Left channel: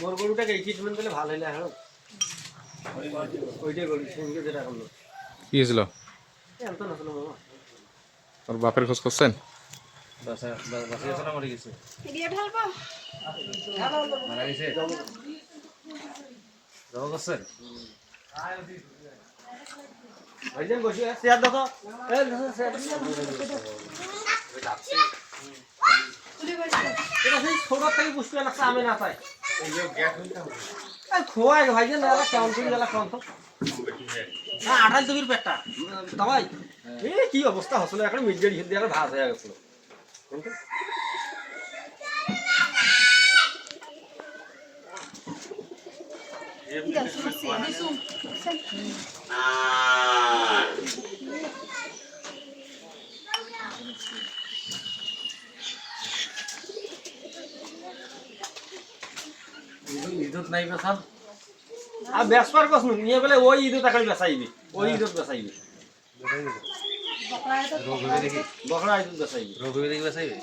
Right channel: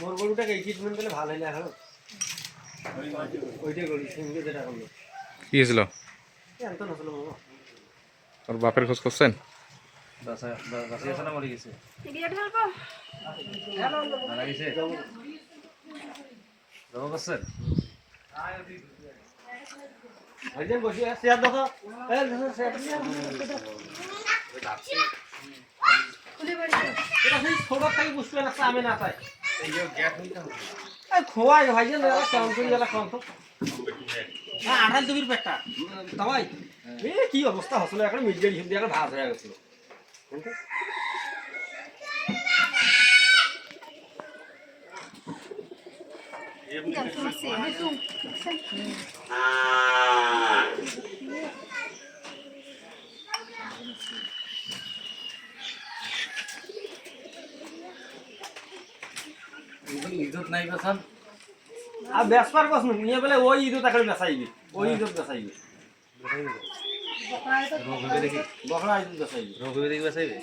মোর গরুটাকে এই ট্রিটমেন্ট করলে ভালো হইলে হলো ওইটাই করি সঙ্গে যেটা হলো কি হয়েছিল এত না হলো মামা ওর বাপের খোঁজ করছেন বাসে আছে না মরে গেছে মারা গেছে জমা করছেন ওই যে বসে চেয়ার দেখো এই দেখো চেয়ার এটা সেই ছোট থেকে পুষ্পে লাগছে আমি না পাই এই যে গ্যাস হইতা এই খোয়াই ভাই যে না কাম করি গেলা কোন তো না আড়াল দুবির পেটটা তাই এই কি অবস্থা হসলো এখন মিডিয়া হিন্দি এখন ধাস হয়ে গেছে কিন্তু ইদুত নাই বসান আর বেসপার কস নিয়ে বলে ওই ইদু তাকে বেসাইবে ওই ইদু বেসাইবে রোগ হবে দেখি বকরা ইদু বেসাইবে রোগ হবে দেখি বাসাইবে